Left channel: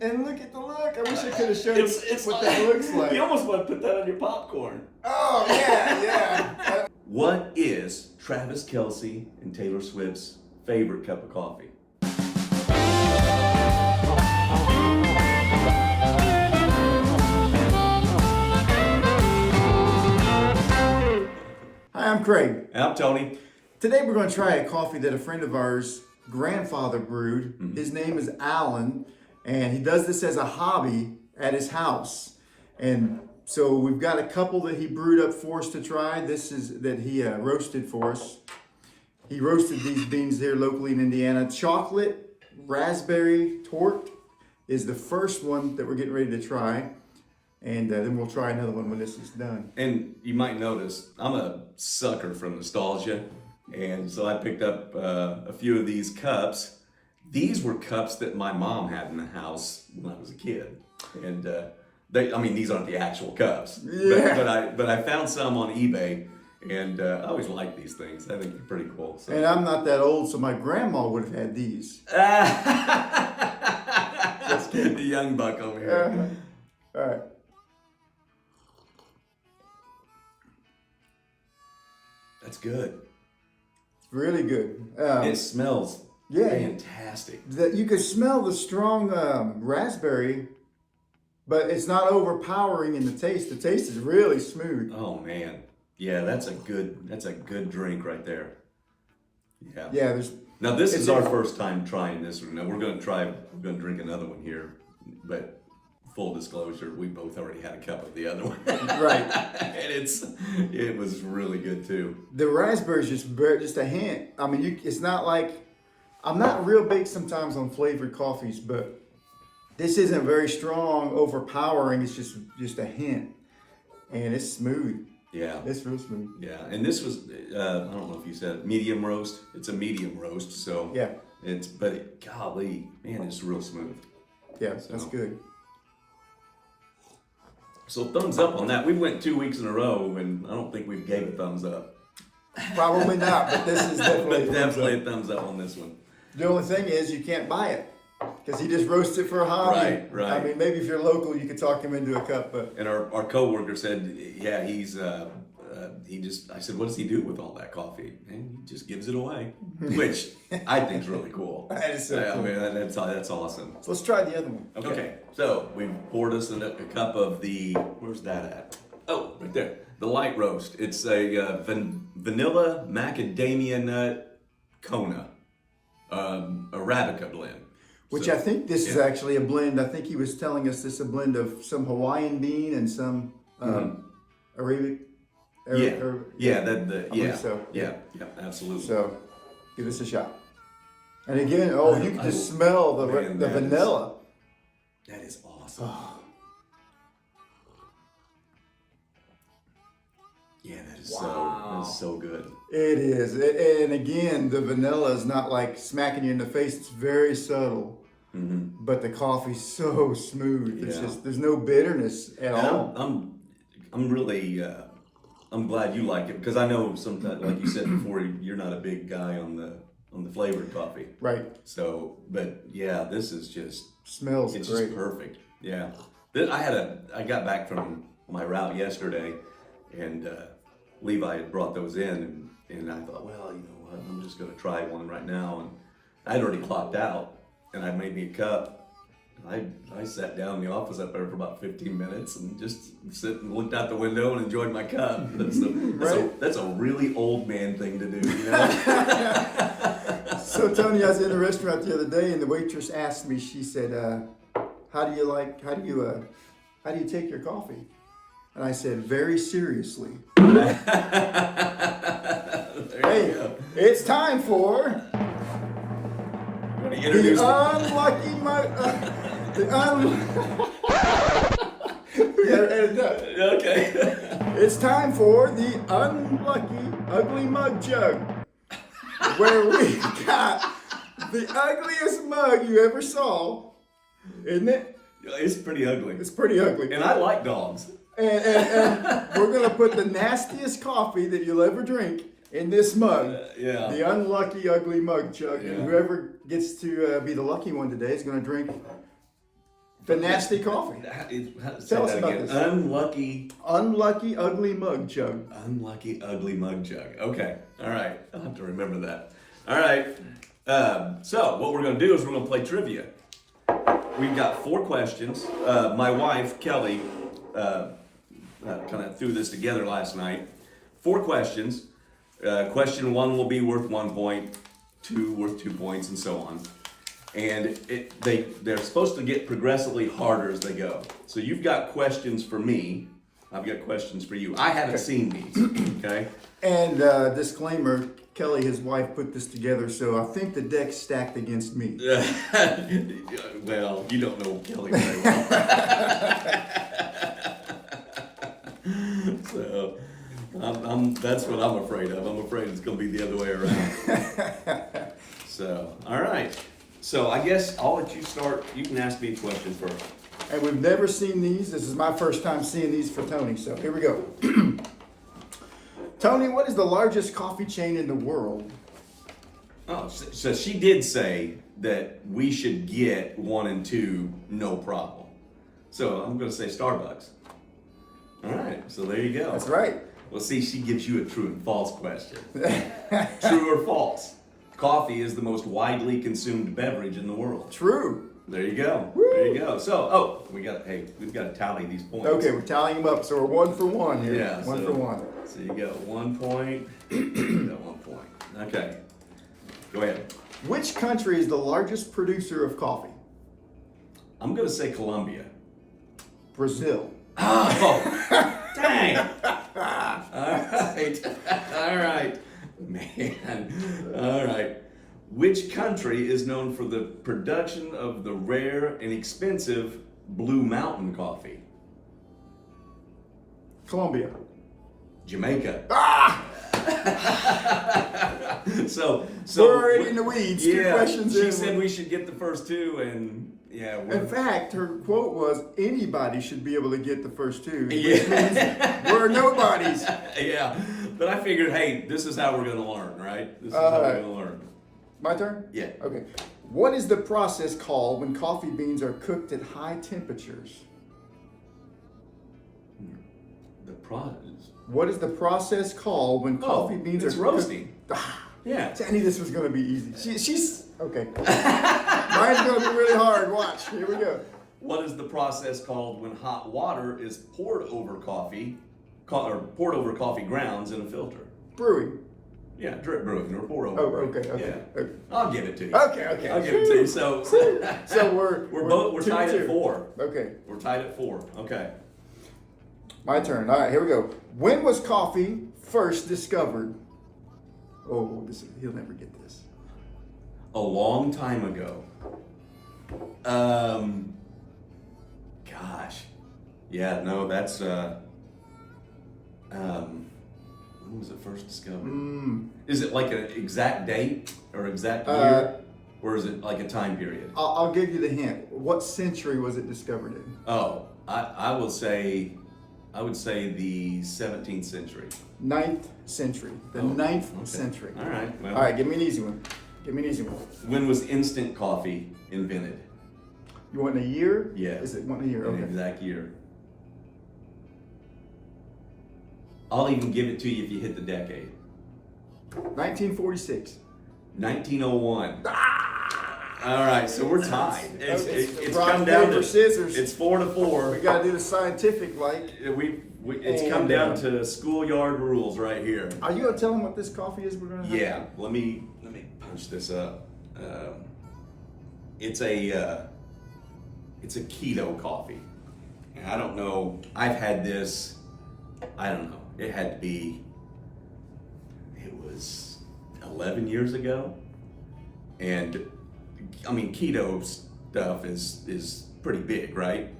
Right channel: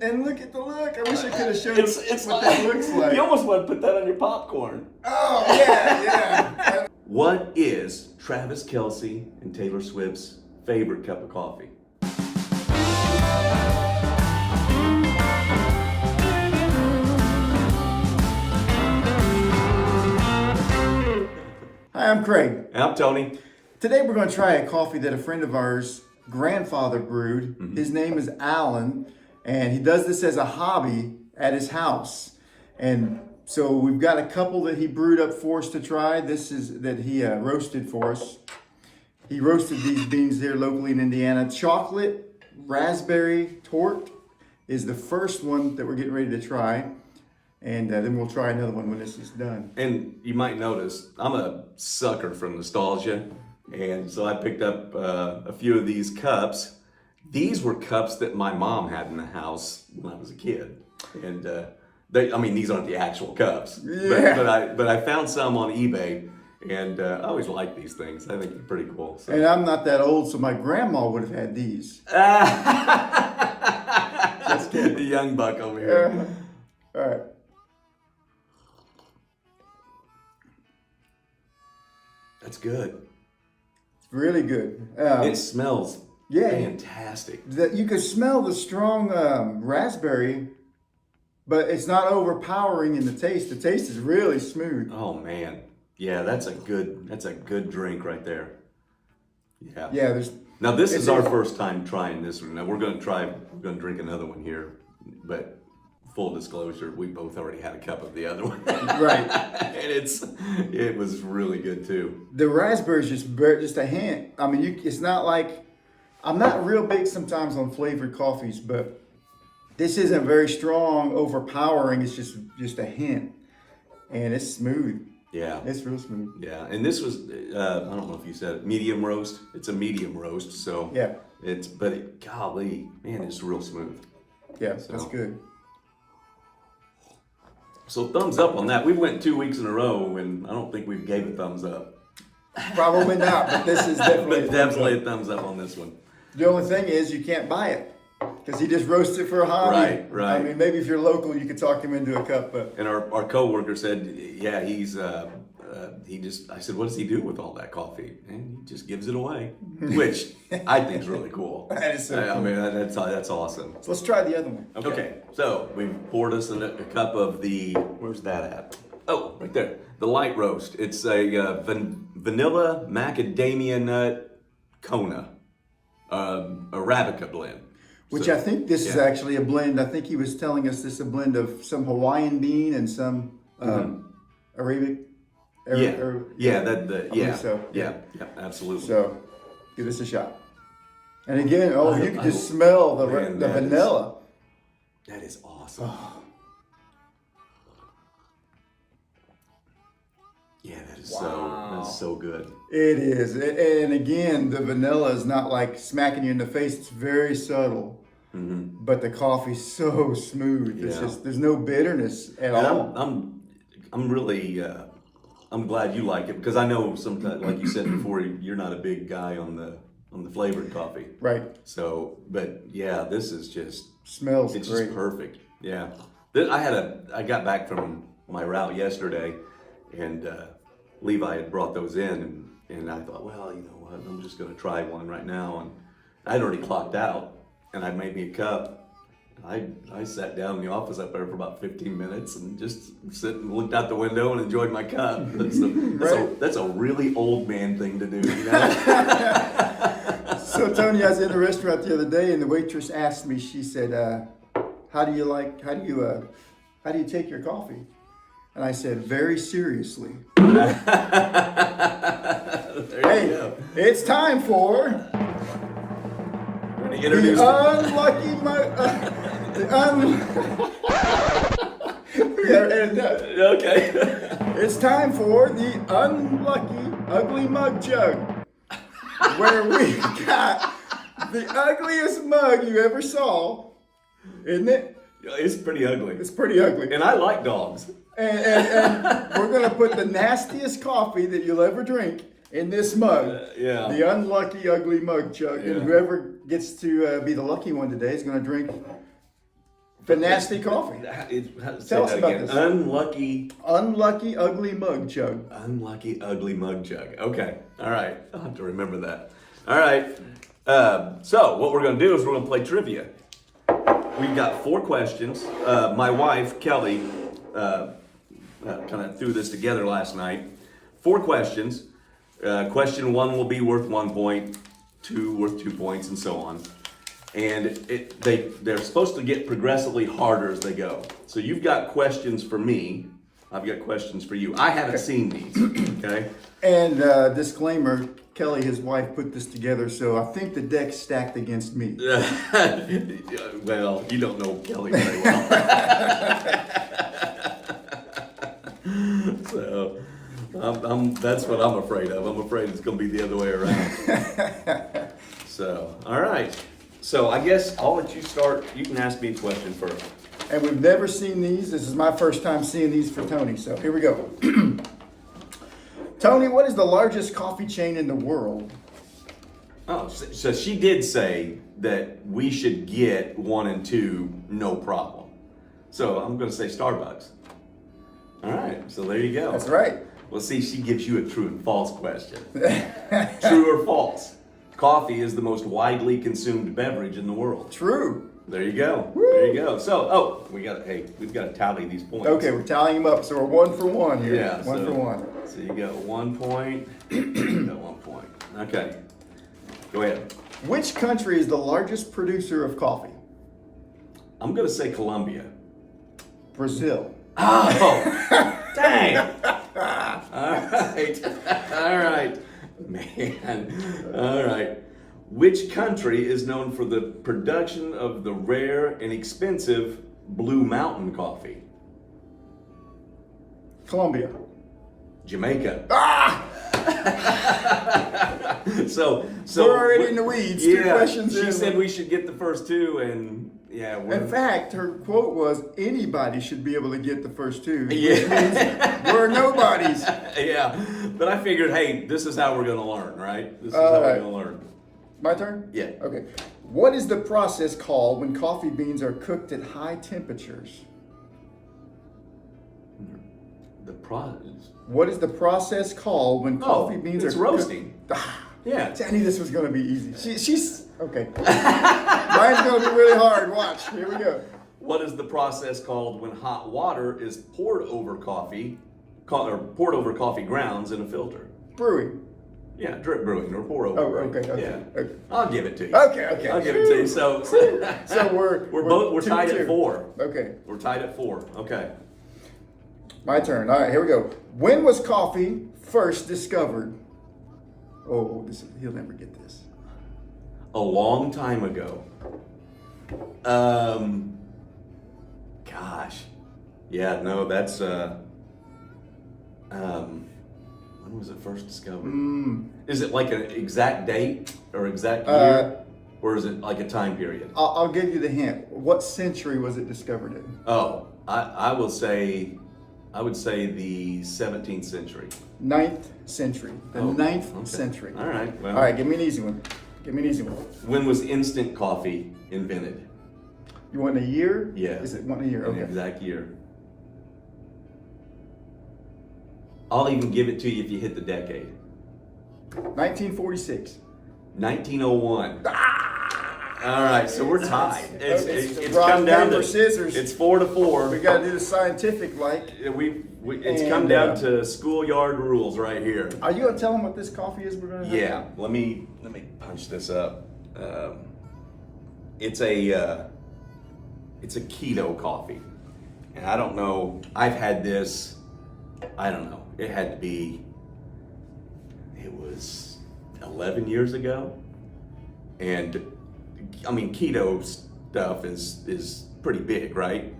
And look at the look. I wish I could have shown what that looks like. You almost want to put that on your popcorn. Oh, yeah. What is Travis Kelce and Taylor Swift's favorite cup of coffee? Hi, I'm Craig. And I'm Tony. Today we're going to try a coffee that a friend of ours grandfather brewed. Mm-hmm. His name is Alan, and he does this as a hobby at his house. And so we've got a couple that he brewed up for us to try. This is that he roasted for us. He roasted these beans here locally in Indiana. Chocolate raspberry torte is the first one that we're getting ready to try. And then we'll try another one when this is done. And you might notice, I'm a sucker for nostalgia. And so I picked up a few of these cups. These were cups that my mom had in the house when I was a kid. And these aren't the actual cups. Yeah. But I found some on eBay. And I always like these things. I think they're pretty cool. So. And I'm not that old, so my grandma would have had these. Let's get the young buck over here. All right. That's good. Really good. It smells fantastic. You can smell the strong raspberry, but it's not overpowering in the taste. The taste is really smooth. Oh man, yeah, that's a good drink right there. Yeah. Yeah. Now this is our first time trying this one. Now we're gonna drink another one here, but full disclosure, we both already had a cup of the other one. Right. And it was really good too. The raspberry is just a hint. I mean, it's not like, I'm not real big sometimes on flavored coffees, but this isn't very strong, overpowering. It's just a hint, and it's smooth. Yeah. It's real smooth. Yeah, and this was, I don't know if you said it, medium roast. It's a medium roast, so yeah. Golly, man, it's real smooth. Yeah, so. That's good. So thumbs up on that. We went 2 weeks in a row, and I don't think we gave a thumbs up. Probably not, but this is definitely a thumbs up on this one. The only thing is you can't buy it because he just roasts it for a hobby. Right. I mean, maybe if you're local, you could talk him into a cup. But and our coworker said, yeah, I said, what does he do with all that coffee? And he just gives it away, which I think is really cool. That is so cool. I mean, that's awesome. So let's try the other one. Okay. So we poured us a cup of the, where's that at? Oh, right there. The light roast. It's a vanilla macadamia nut Kona, Arabica blend. Which I think this is actually a blend. I think he was telling us this is a blend of some Hawaiian bean and some Arabic. I think so. Yeah, absolutely. So, give this a shot. And again, you can just smell the vanilla. That is awesome. Oh. Yeah, that's so good. It is. And again, the vanilla is not like smacking you in the face. It's very subtle. Mm-hmm. But the coffee's so smooth. It's just, there's no bitterness at all. I'm really, I'm glad you like it because I know sometimes, like you said before, you're not a big guy on the flavored coffee. Right. So, but yeah, this is just smells it's great. Just perfect. Yeah. I got back from my route yesterday, and Levi had brought those in, and I thought, well, you know what, I'm just going to try one right now, and I'd already clocked out, and I made me a cup. I sat down in the office up there for about 15 minutes and just sit and looked out the window and enjoyed my cup. That's a really old man thing to do, you know? So Tony, I was in the restaurant the other day and the waitress asked me, she said, how do you take your coffee? And I said, very seriously. It's time for the Unlucky Mug. Okay. It's time for the Unlucky Ugly Mug Chug, where we got the ugliest mug you ever saw, isn't it? It's pretty ugly. It's pretty ugly. And I like dogs. And we're going to put the nastiest coffee that you'll ever drink in this mug. The Unlucky Ugly Mug Chug. And whoever gets to be the lucky one today is going to drink The nasty coffee. Tell us about this. Unlucky Ugly Mug Chug. Unlucky Ugly Mug Chug. Okay. All right. I'll have to remember that. All right. So what we're going to do is we're going to play trivia. We've got 4 questions. My wife, Kelly, kind of threw this together last night. 4 questions. Question 1 will be worth 1 point, 2 worth 2 points, and so on. And they're supposed to get progressively harder as they go. So you've got questions for me. I've got questions for you. I haven't seen these, okay? And disclaimer, Kelly, his wife, put this together, so I think the deck's stacked against me. Well, you don't know Kelly very well. So that's what I'm afraid of. I'm afraid it's going to be the other way around. So, all right. So I guess I'll let you start. You can ask me a question first. And we've never seen these. This is my first time seeing these for Tony, so here we go. Tony, what is the largest coffee chain in the world? Oh, so she did say that we should get 1 and 2, no problem. So I'm going to say Starbucks. All right, so there you go. That's right. Well, see, she gives you a true and false question. True or false? Coffee is the most widely consumed beverage in the world. True. There you go. Woo. There you go. So, we've got to tally these points. Okay, we're tallying them up, so we're 1 for 1 here. Yeah, one for 1. So you got 1 point. You got 1 point. Okay. Go ahead. Which country is the largest producer of coffee? I'm going to say Colombia. Brazil. Oh, dang. All right. Man. All right. Which country is known for the production of the rare and expensive Blue Mountain coffee? Colombia. Jamaica. Ah! So We're already in the weeds. Yeah, 2 questions in. she said we should get the first 2, and yeah. In fact, her quote was, anybody should be able to get the first 2. Yeah. Which means we're nobodies. Yeah, but I figured, hey, this is how we're going to learn, right? This is how we're going to learn. My turn? Yeah. Okay. What is the process called when coffee beans are cooked at high temperatures? The process. What is the process called when coffee beans it's are roasting. Cooked? Yeah. I knew this was going to be easy. She's okay. Mine's going to be really hard. Watch. Here we go. What is the process called when hot water is poured over coffee, or poured over coffee grounds in a filter? Brewing. Yeah, drip brewing or pour over. Oh, brewing. okay. Yeah. Okay. I'll give it to you. Okay. I'll give it to you. So we're tied at 4. Okay. We're tied at 4. Okay. My turn. All right, here we go. When was coffee first discovered? Oh, he'll never get this. A long time ago. Gosh. Yeah, no, that's when was it first discovered? Is it like an exact date or exact year? Or is it like a time period? I'll give you the hint. What century was it discovered in? Oh, I would say the 17th century. 9th century. The 9th century. All right. Well, All right, give me an easy one. When was instant coffee invented? You want a year? Yeah. Is it one a year? Okay. An exact year. I'll even give it to you if you hit the decade. 1946. 1901. All right, so we're tied. It's rock, come down paper, to scissors. It's 4-4. We got to do the scientific like. It's come down to schoolyard rules right here. Are you going to tell them what this coffee is we're going to have? Yeah, let me punch this up. It's a keto coffee, and I don't know. I've had this. I don't know. It had to be. It was 11 years ago, and I mean keto stuff is pretty big, right?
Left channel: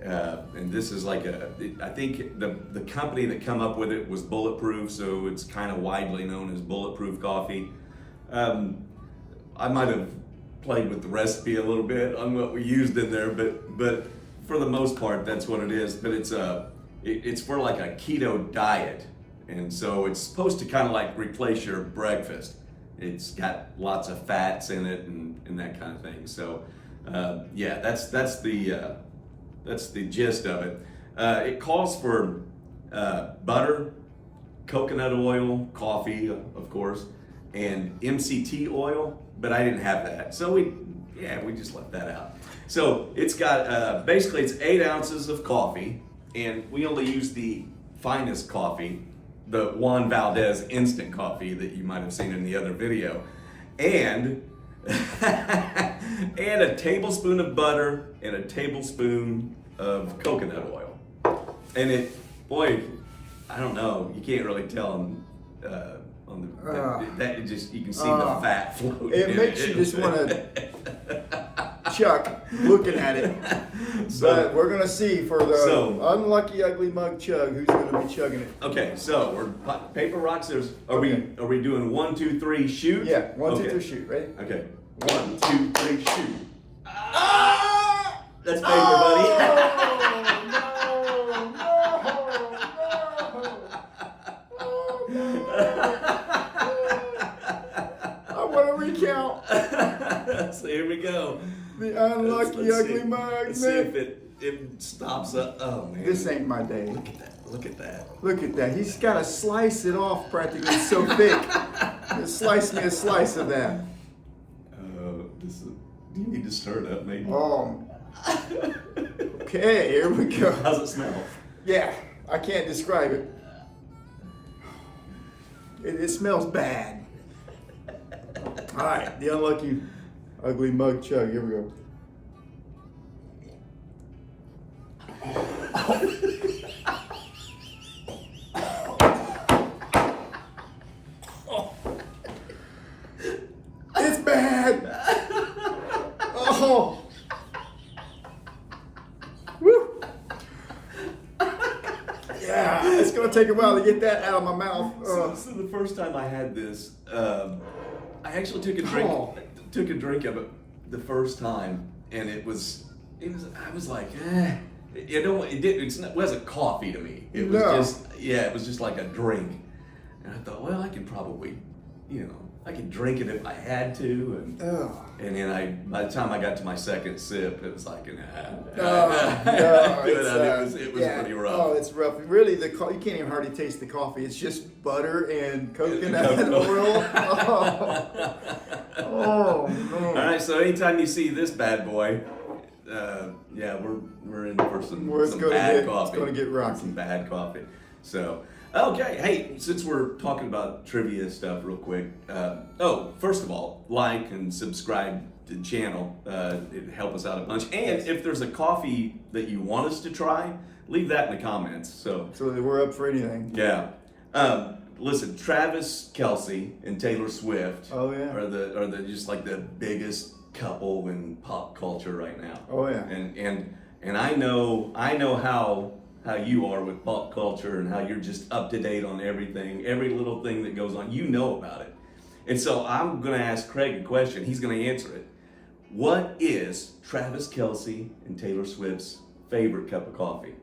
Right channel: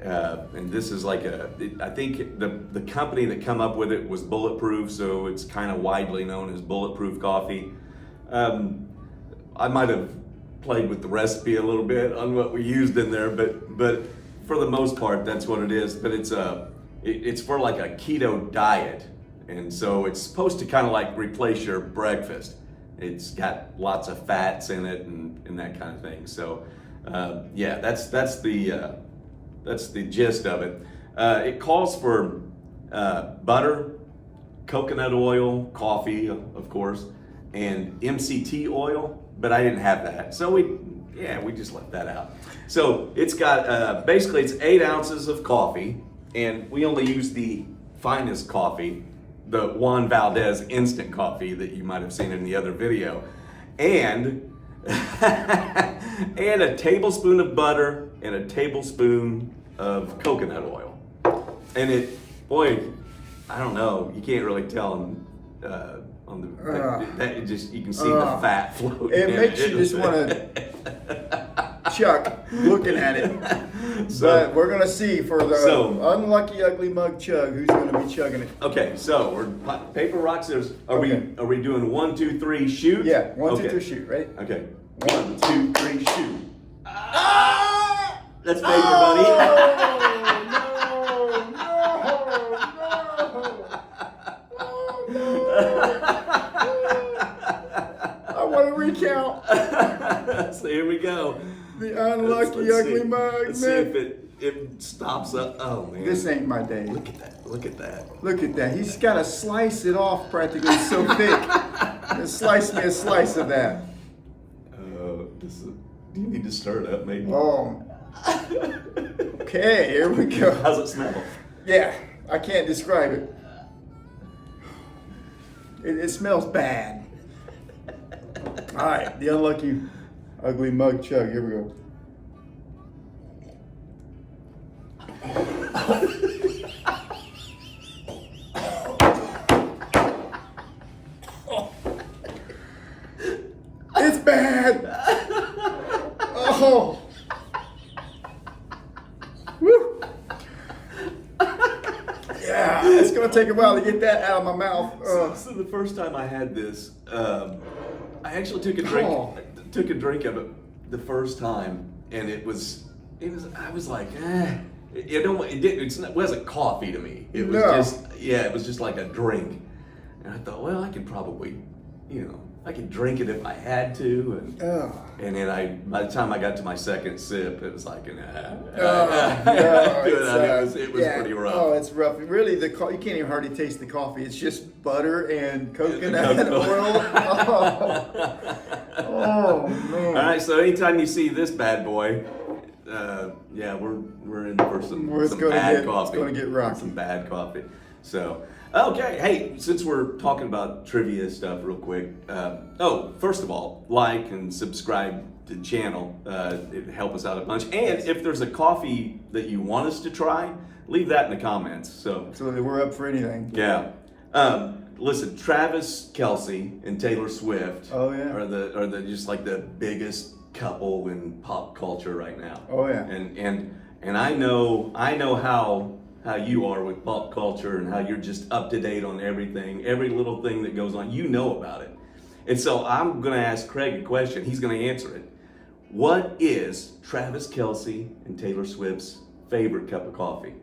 And this is like I think the company that come up with it was Bulletproof, so it's kind of widely known as Bulletproof coffee. I might have played with the recipe a little bit on what we used in there, but for the most part, that's what it is. But it's for like a keto diet, and so it's supposed to kind of like replace your breakfast. It's got lots of fats in it and that kind of thing. So yeah, that's the that's the gist of it. It calls for butter, coconut oil, coffee, of course, and MCT oil, but I didn't have that. So we just left that out. So it's got, basically it's 8 ounces of coffee, and we only use the finest coffee, the Juan Valdez instant coffee that you might have seen in the other video, and and a tablespoon of butter and a tablespoon of coconut oil. And it, boy, I don't know, you can't really tell on the that it just, you can see the fat floating. It makes you just want to chuck looking at it. But we're gonna see for the Unlucky Ugly Mug Chug who's gonna be chugging it. Okay, so we're paper rock scissors. Are we doing 1, 2, 3 shoot? Yeah, 1, 2, 3 shoot. Ready? Okay. 1, 2, 3 shoot. Ah! That's paper, buddy. I want to recount. So here we go. The Unlucky Ugly Mug. Let's see if it stops up. Oh man, this ain't my day. Look at that. Look at that. Look at that. He's got to slice it off practically. It's so thick. Just slice me a slice of that. Do you need to stir it up, maybe? Okay, here we go. How's it smell? Yeah, I can't describe it. It smells bad. All right, the Unlucky Ugly Mug Chug. Here we go. It's bad. Oh. Woo. Yeah, it's gonna take a while to get that out of my mouth. So the first time I had this, I actually took a drink of it the first time, and it was I was like, it wasn't coffee to me. It was it was just like a drink, and I thought, well, I could probably, I could drink it if I had to, and then by the time I got to my second sip, it was like, it was pretty rough. Oh, it's rough. Really, you can't even hardly taste the coffee. It's just butter and coconut oil. Oh man! All right, so anytime you see this bad boy, we're in for some bad coffee. It's going to get rocky. Some bad coffee. So. Okay, hey, since we're talking about trivia stuff real quick, first of all, like and subscribe to the channel. It'd help us out a bunch. And if there's a coffee that you want us to try, leave that in the comments. So we're up for anything. Yeah. Listen, Travis Kelce and Taylor Swift are the just like the biggest couple in pop culture right now. Oh yeah. And I know how you are with pop culture and how you're just up to date on everything, every little thing that goes on, you know about it. And so I'm going to ask Craig a question. He's going to answer it. What is Travis Kelce and Taylor Swift's favorite cup of coffee?